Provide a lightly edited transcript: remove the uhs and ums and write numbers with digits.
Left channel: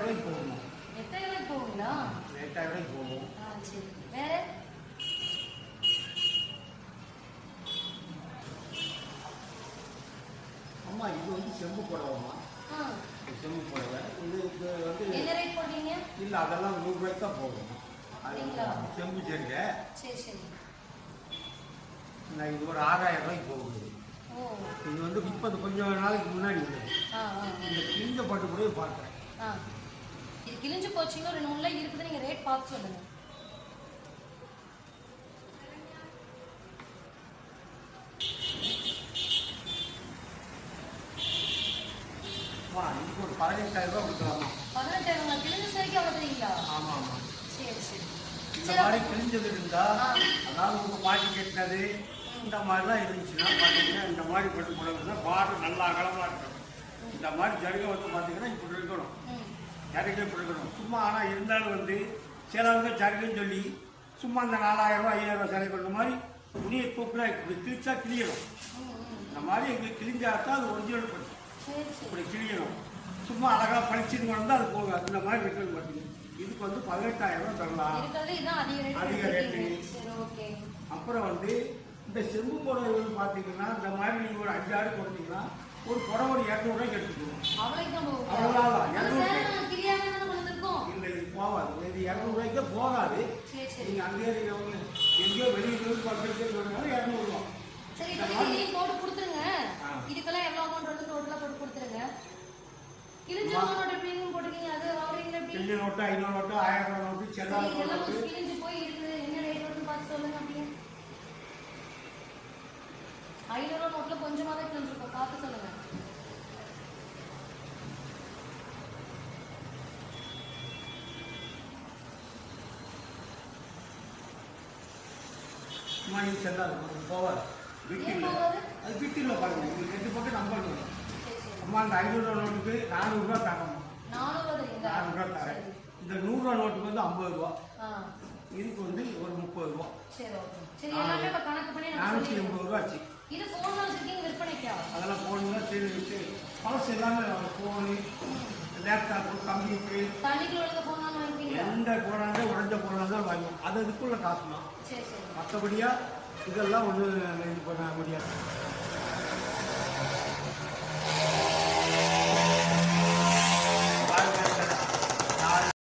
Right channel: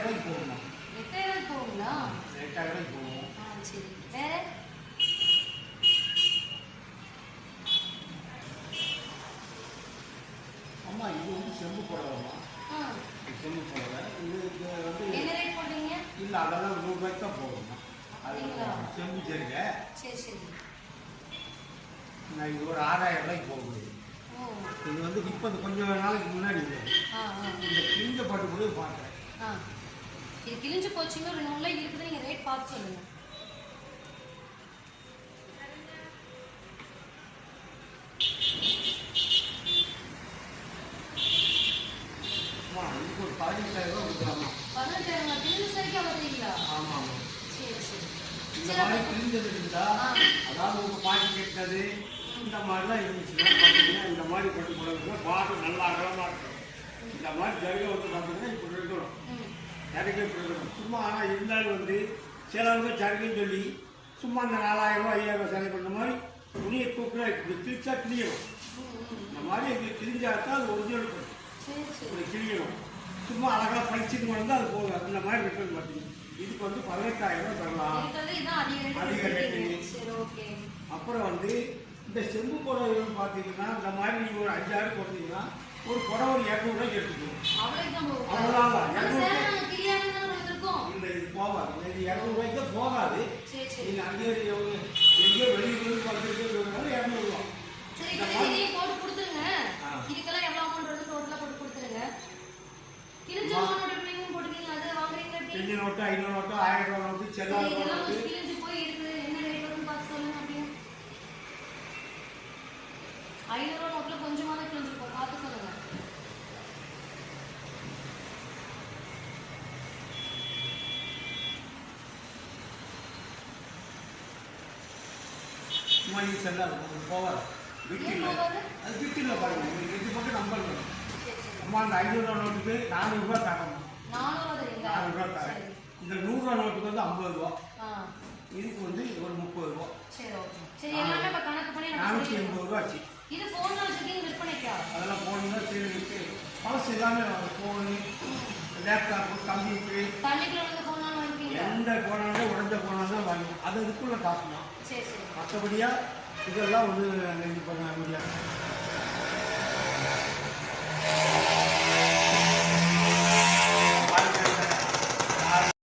ரூபாய்க்கு போகுமா? 8000 போகுங்களா? 8000 ரூபாய்க்கு போகும். சரி. வேற அம்மா இது வந்து செம்பு புடவைம்மா. செம்பு புடவை இது வந்து என்ன ரேட் போடுறீங்க? இல்லை அதெல்லாம் 100 ரூபாய்க்கு தான் போகுமா. அது செம்பு சரிங்க. சரி சரி. நான் இது ஒரு 6000 ரூபாய்க்கு போகுது. இது வந்து இப்போ கொஞ்சம் நாளைக்கு முன்னாடி இந்த கிழிஞ்ச பட்டு கூட பார்க்குறேன். இது கிழிஞ்சு போச்சுங்க, ஒரு நூல்ல இருக்குது, நீங்க ரேட் பார்த்து சொல்லுங்க. இதுக்கு ஒரு 18000 ரூபாய் கொடுக்குறாமா. 18000 கிழிஞ்ச சரிக்கு அவ்வளோங்களா? ஆமாம் ஆமாம். சரி சரி. இந்த மாதிரி கிழிஞ்சது இருந்தா, அதாவது உங்க பாட்டி கேட்டது இந்த மாதிரிலாம் இருந்துச்சுன்னா பார்த்தீங்கன்னா இந்த மாதிரி போட்டு போடுறதுன்னா பாட்டு நல்லா அகலமாக இருக்கணும். இந்த மாதிரி ஜருகை வந்து பார்த்தீங்கன்னா இப்படி இருக்கணும், ஜருகை இப்படி இருக்கணும். சும்மா ஆனால் இருந்தாலும் வந்து சிலவங்க ஜருகைன்னு சொல்லி சும்மா இந்த 4000 ரூபாய் 5000 ரூபாய் செலவு பண்ணுற மாதிரி துணியை தூக்குறா இப்படி கிழிச்சா கிழியணும். இந்த மாதிரி எங்களுக்கு கிழிஞ்சாதான் அது ஒரிஜினல் பண்ணு இப்படி கிழியணும். சும்மா அழகாக படிச்சுட்டு வந்தால் அது போகும். அந்த மாதிரி இருக்குன்னு பார்த்தீங்கன்னா இதுக்கு வந்து 18000 ரூபாய் தரலாம், அதிக ரேட்டு. அப்புறம் வந்து இந்த செம்பு புடவை பார்த்தீங்கன்னா இந்த மாதிரி நீங்கள் ஒரு 5 6 போட்டீங்கன்னா ஒரு புடவை ஒரு 200 ரூபாய்க்கு எடுத்துக்கணும். அவ்வளோதான். இல்லை இது போகாது, இது 200 ரூபாய்க்கு தான் போகாது. நீங்கள் அங்கே எங்கேயோ வெளியே பார்த்துட்டு 200 ரூபா. கிழிஞ்ச நோட்டு 500 நோட்டு 1000 ரூபாய் நோட்டு செல்லாத நோட்டு. கொஞ்சமாக கிழிஞ்சிருக்கும், பார்த்து சொல்லுங்க. சும்மா இது செல்லாது, போவாது. வீட்டில் அது வீட்டில் பாருங்க, உங்களுக்கு 8 பக்கம் நம்பர் வரும். அம்மா அந்த 500 ரூபா நோட்டுக்கு 400 ரூபா தரணும். 400 ரூபா தரேன். இந்த 100 ரூபா நோட்டுக்கு வந்து 50 ரூபா, இதுக்கு வந்து ஒரு 30 ரூபா. 480 ரூபா ஆச்சு. அதெல்லாம் போனீங்கன்னா சரி பழசு எல்லாமே ஃபோனு, லேப்டாப்பு, கம்ப்யூட்டரு, எந்த போனாலும் உடஞ்ச போனாலும் வாங்கும். அது இதுக்குள்ள காசு தான். மற்றபடியாக இதெல்லாம் ஒன்றும் இது பண்ண முடியாது.